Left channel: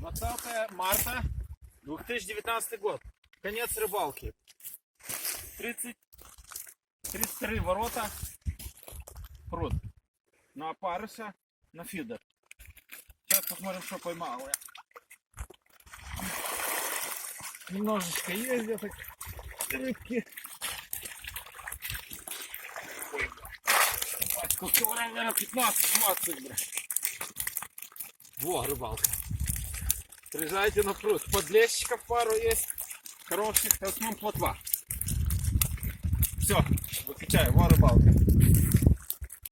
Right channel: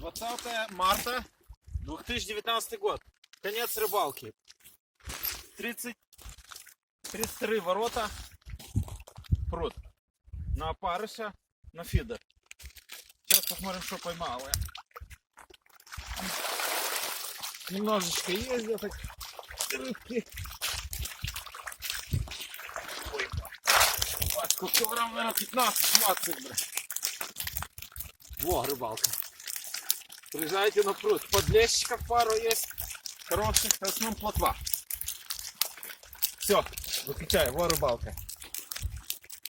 20 марта 2019 год. Конец рыбалки. 33 ворота. Пруд. На опарыша, на фидер. Сейчас посмотрим, что поймал я. Немножечко есть где так рыбки. Ой, пачку килограмм, наверное, 15-20, бля. Во, рыбалка. Приезжайте на пруд. Подлещиков пару есть. Хороших, в основном плотва. Все, выключаю. Во, рыбалка.